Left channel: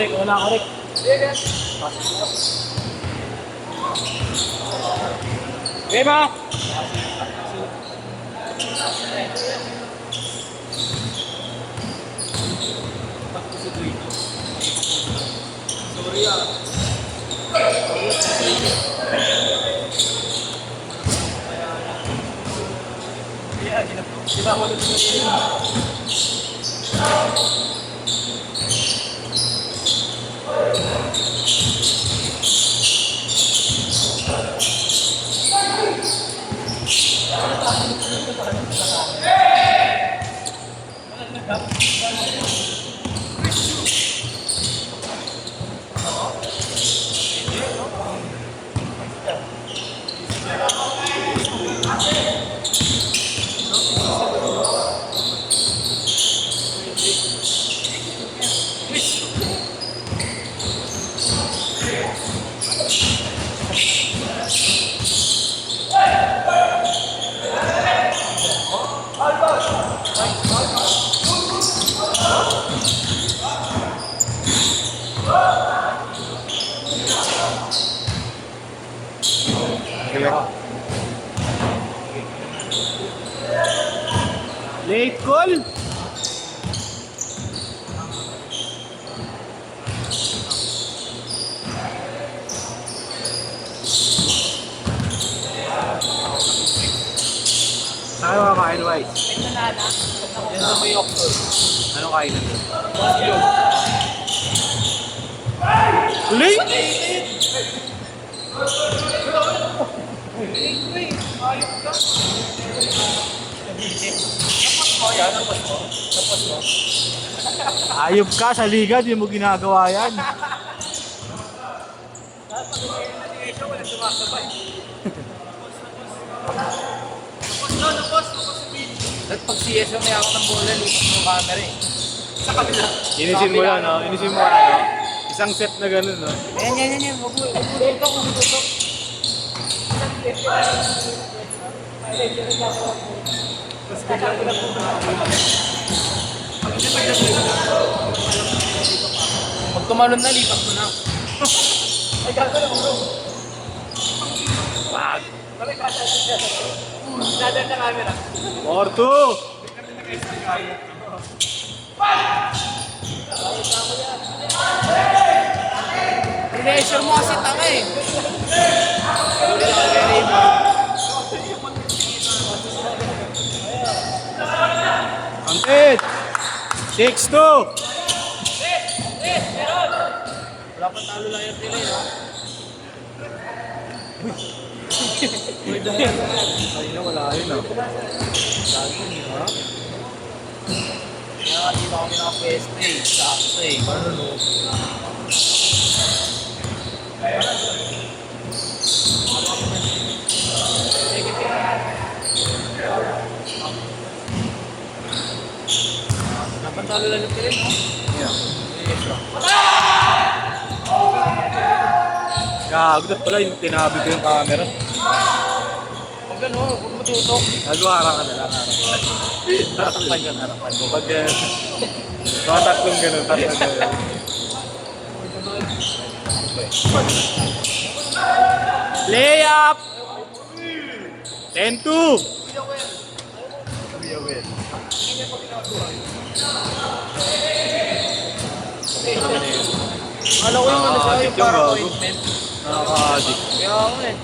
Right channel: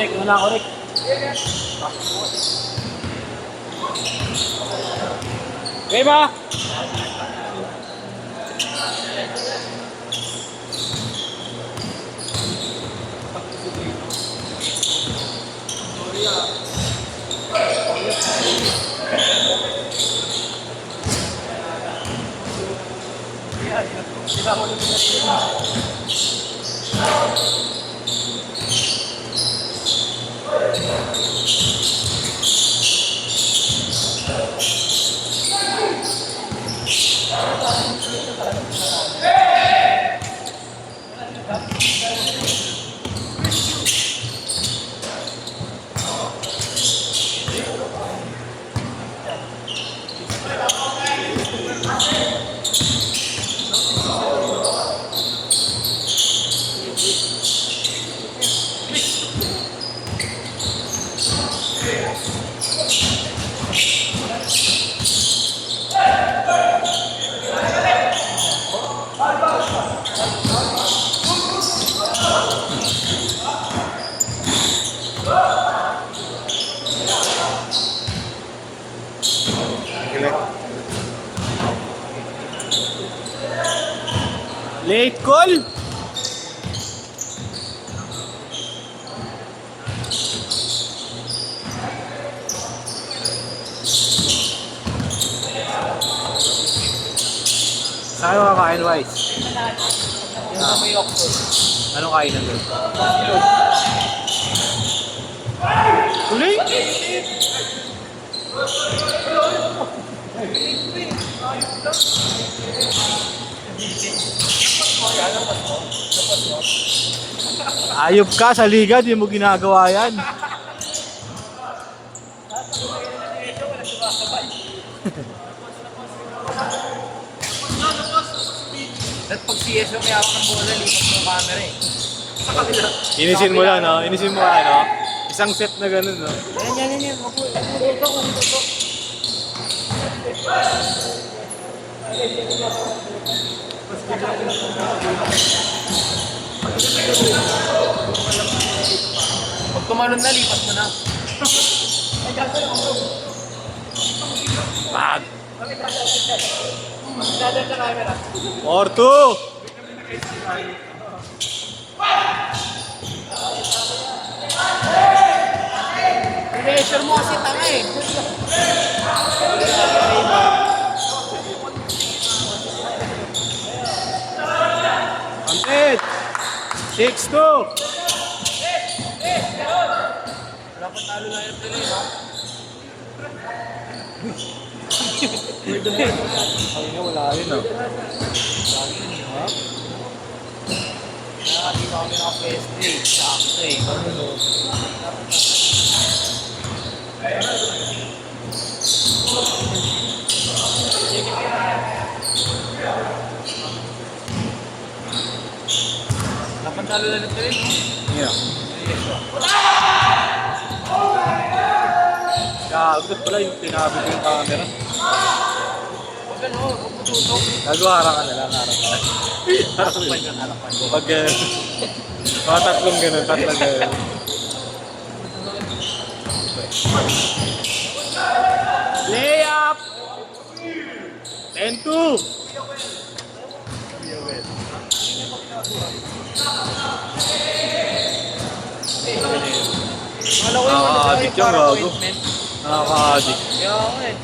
Correct, una, correct. Okay ba? Late call. Ano kakain, Wise? Yung sa may Oxford. Anong kain na doon? Uli? Ayop ka sa liga, di mo ginagawa yan. At pag CS may ako ng bola, lipat mo yung camera eh. Sa kabila. Inisin mo lang, no? Inisin mo ano? Isang set na ganun, no? Yan. Huwag ito. Pag tumalon na, lipat mo na. Or two! Pressure mo kasi tanga eh. Ampet! 6-2! Wala pa talo lang yung pinay, ha? Kanina wala yun, no? Lagi yun, ha? Kaya dito kami naka-PS3, sakto eh. Ano no? Napantalo lang ng pinay, no? Yeah. Pressure. Gagod pala yung tinabi ko yung camera. Gano, huwag mo tutok. Nagawa ka na lang, harap ka. Harapan dyan, harapan. Pag mga tatlong ganun, tatlong ganun. Layup! 10-2! Alam ko yung ano siya, yung para appointment. Nakaka-addict. Kaya ako eh.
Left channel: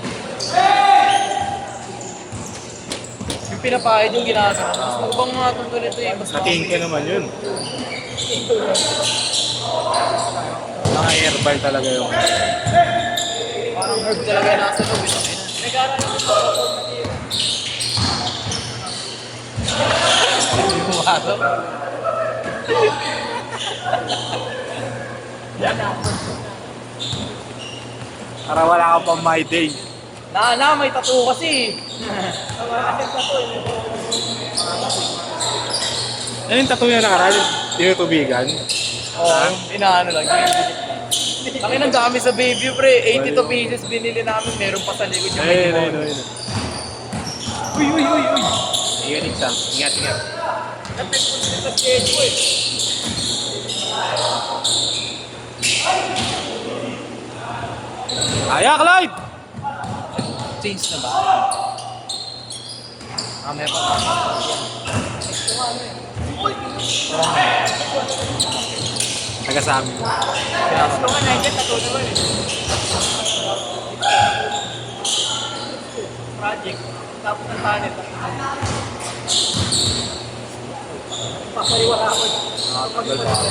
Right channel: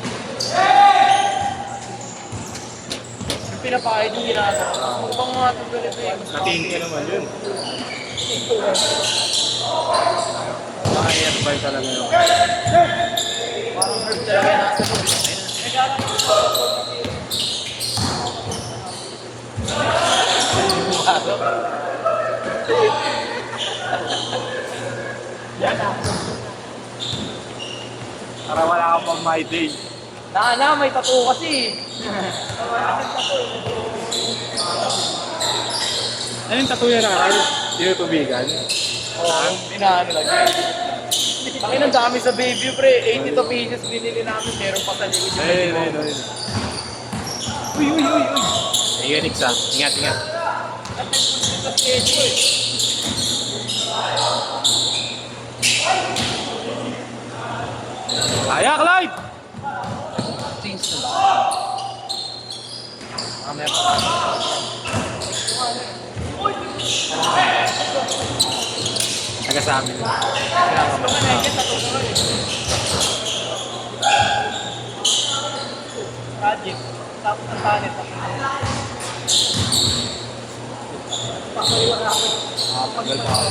Yung pinapahid yung ginagawa. Kung bang mga tutulit ito eh. Mas Matiin ka naman yun. Naka-airball talaga yun. parang herb talaga nasa loob. Para wala ka pang my day. May tattoo kasi. Ano yung tattoo niya nakaraan? Tinutubigan? Oo, inaano lang. Ay, nandiyan kami sa baby, pre. 82 pieces binili namin. Meron pa sa likod yung medyo mo. Uy! Ingat, Iksa. Ingat. At nagpunta sa schedule. Ayak live! Change na ba? Meron. Taga sa amin. Kailangan ba? Project. Tapos ang panit. Papaliwala ako. Tagal pa ako.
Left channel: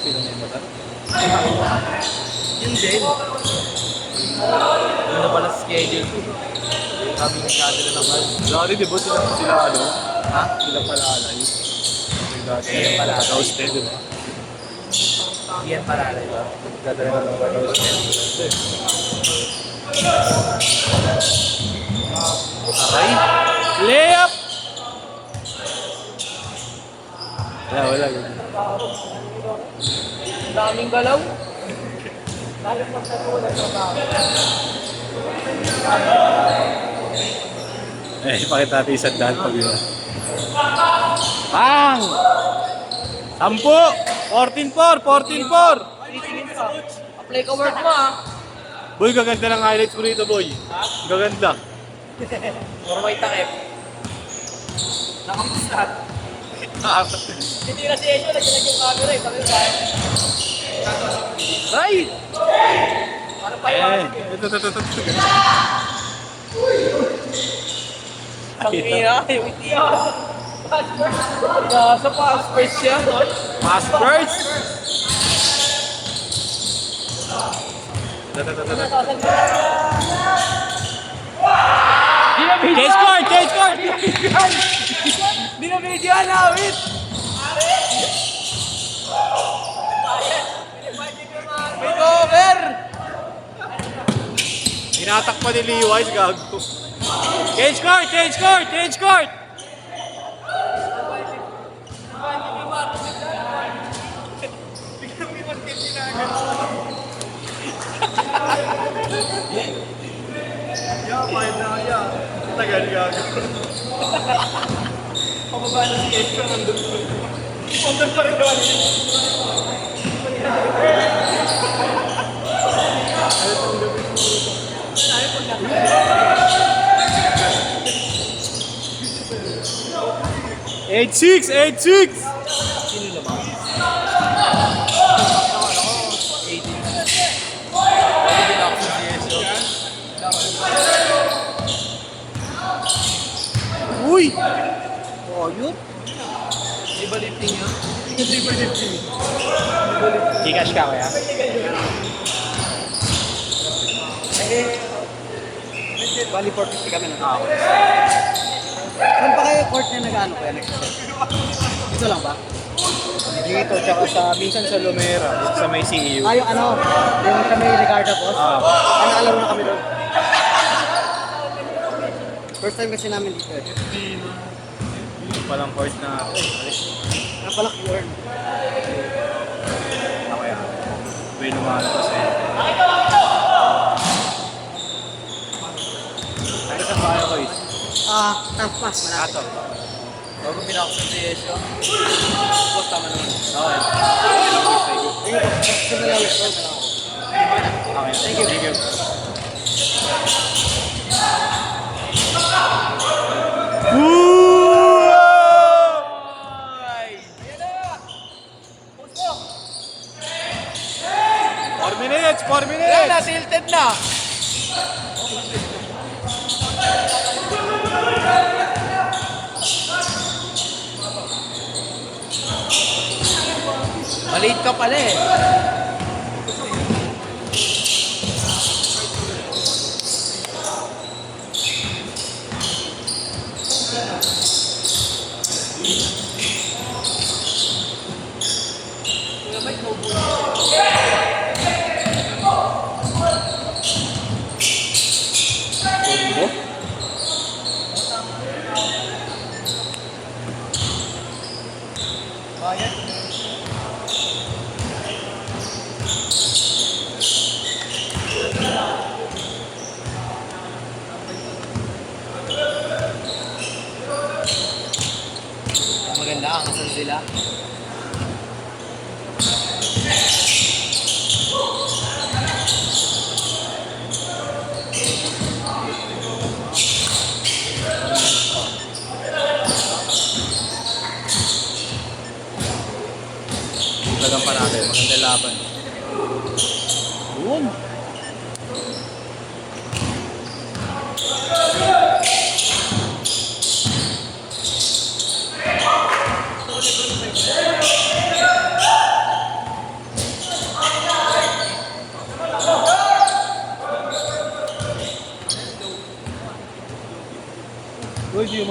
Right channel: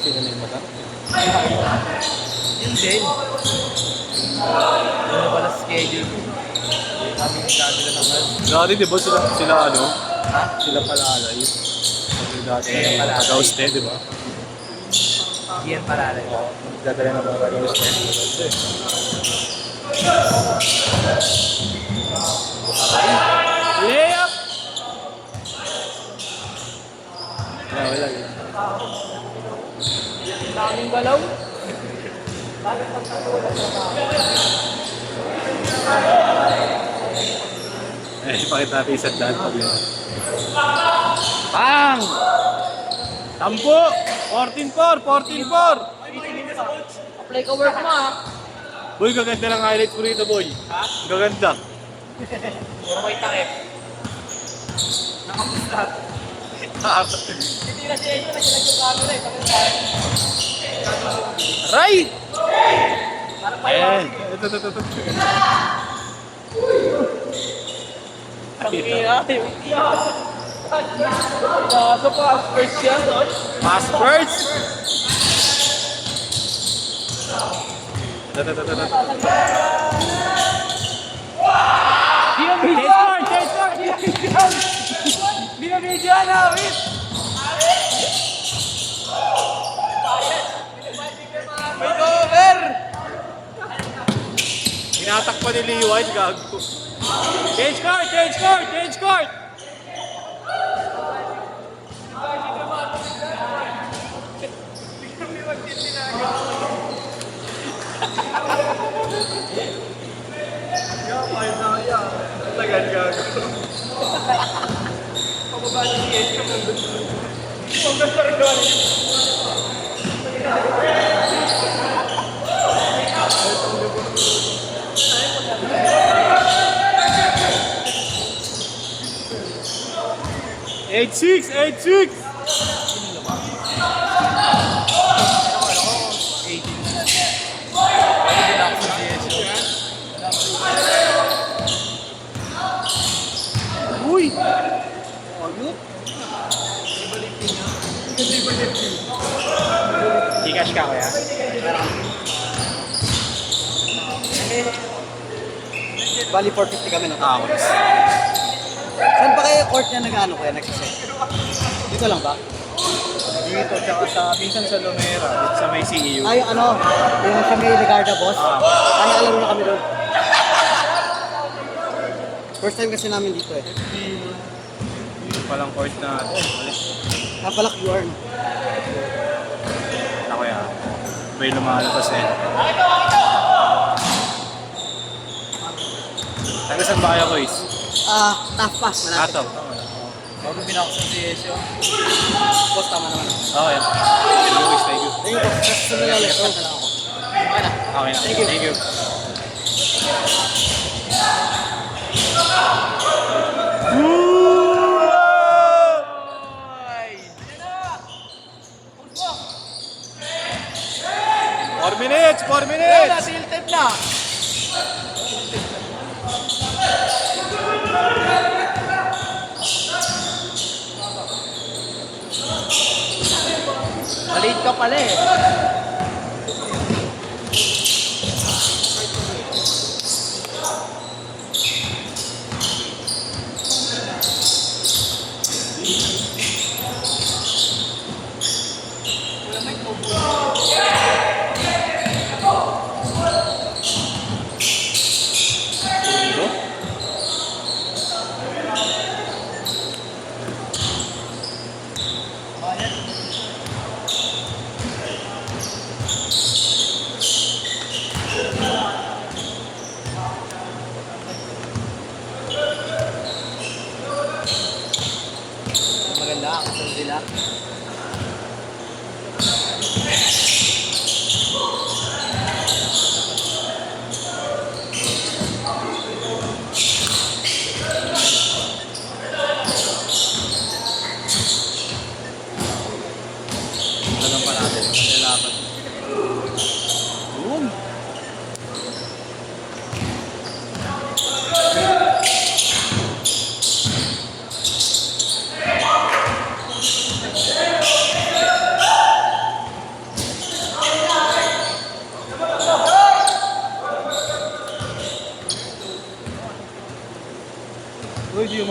Sino yung motor? Yun din. Yun na pala schedule ko. Sabi ng schedule na naman. Dati di ba sila ano? Ha? Sila pala alay. Dati. Sila pala alay. Roasted, di ba? Yan pala rin ba? Dati na roasted. Ay! Layup! Wala. Daming galaw. Bakit pagkatulan na ba? Pakita natin isang daan pag yun. Pang! 10! 14-4! 14-4! Apply ka work mo ah. Boy, gaganda ng highlights ko rito, boy. Gaganda. Pero may takip. Nakakistrat. Hindi na si Ejo, nagsilag yung camera eh. Right! Para pa yun. Ito. Tangina, yung itiya. Nasa pass first siya. Pass first! Change court! Binabidyan na, wait! May cover! Tinatak pa ni Leewise, gago. Change court! Tagal gago. Pababa na si Ejo nandun. Pagka pa rin Eight six! Uy! Oh, yun? Iba lifting yun? Iba lifting. Gcash ka kaya? Bali 450 kami ng tao. Saan pa kayo court niya nag-ano kaya nag-set? Dito lang ba? Dito, tsaka sa, minsan sa Lumera, sa may CEU. Ah, yung ano, yung sa may Ricardo boss. Ano, alam na kami doon. First time kasi namin dito eh. Dito palang court na, mali. Napalak yun. Ako yan. May lumalabas eh. Nagasan ba kayo, boys? Half pass na natin. Ato. Bago pinakasan si Yesio. Boss, tama naman. Okay. Thank you. Sige, sige nga yung court na lang ako. Okay na. Thank you. Four minutes! Na, tilted na! Malate ka pala eh. Maganda ang kasal sila.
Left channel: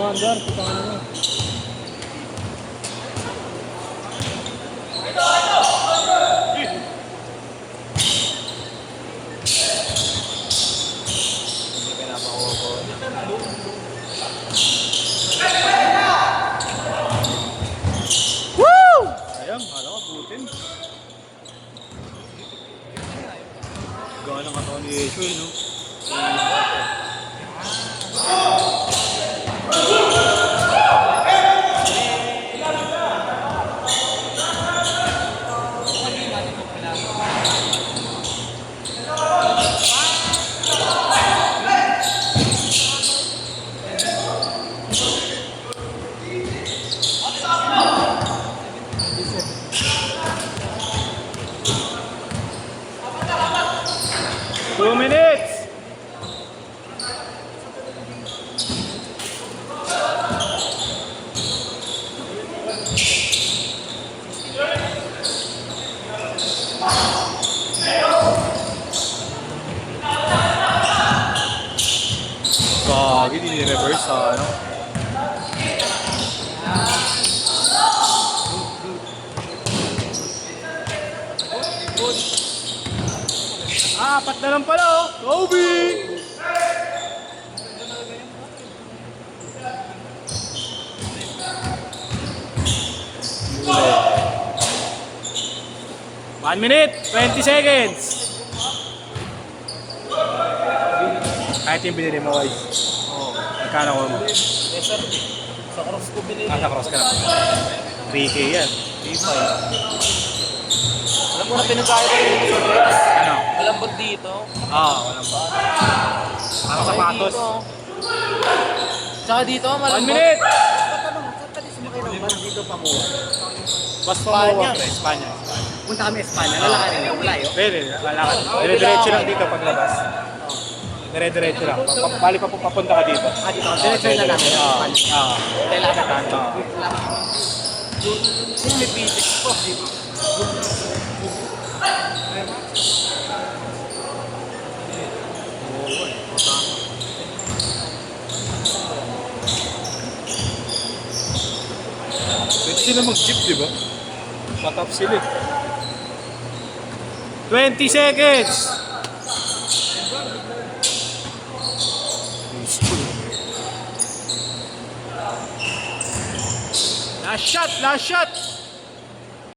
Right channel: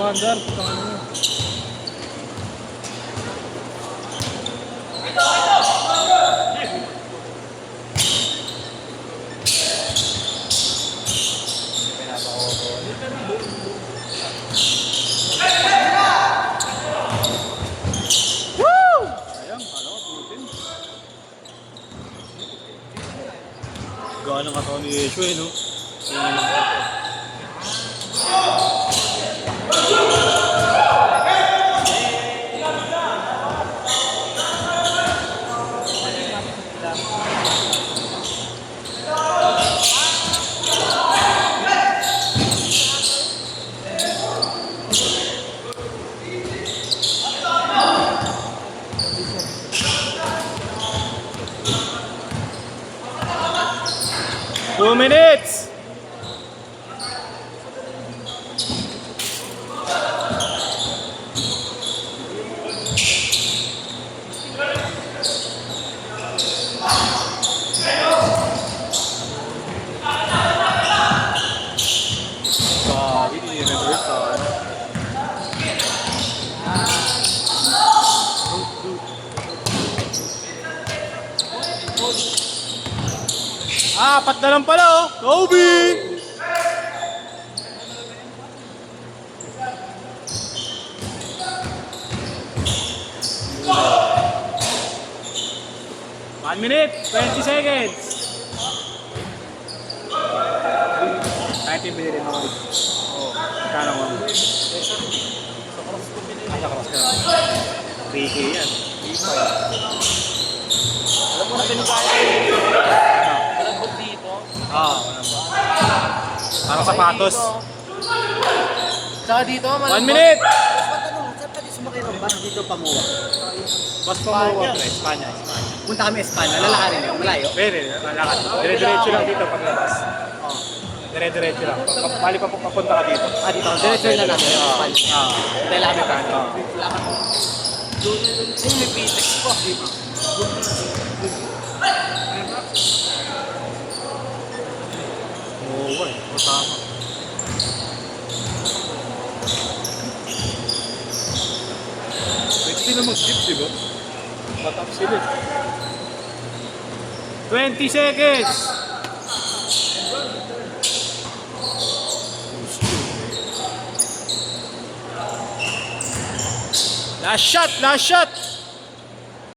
umandar. Putang ano mo. Hindi pinapakuha ko. Ayan, ano, butin. Gana ng katawan ni Yeshua, eh, no? Two minutes! Gagi, ni-reverse ah. Apat na lang pala oh. Kobe! One minute, 20 seconds. Kahit yung binili mo guys. Magkano ko? Sa cross ko binili. Cross ka na. 3K yan. 3.5. Alam mo na pinagkaya ko. Malambot dito. Walang ba? Para sapatos. Saka dito, 1 malambot. minute! Dito pa mo. Mas pamuwa pre. Espanya. Punta kami Espanya, lalakarin mo, malayo. Pwede, lalakad. Dire-diretso lang dito paglabas. Dire-diretso lang. Bali pa papunta ka dito. Dito, diretso na namin, Espanya. Lalakarin tayo. Kung may PTEX po. Pwede sila mag-chip, di ba? Shut up sila. 20 seconds! Last shot! Last shot!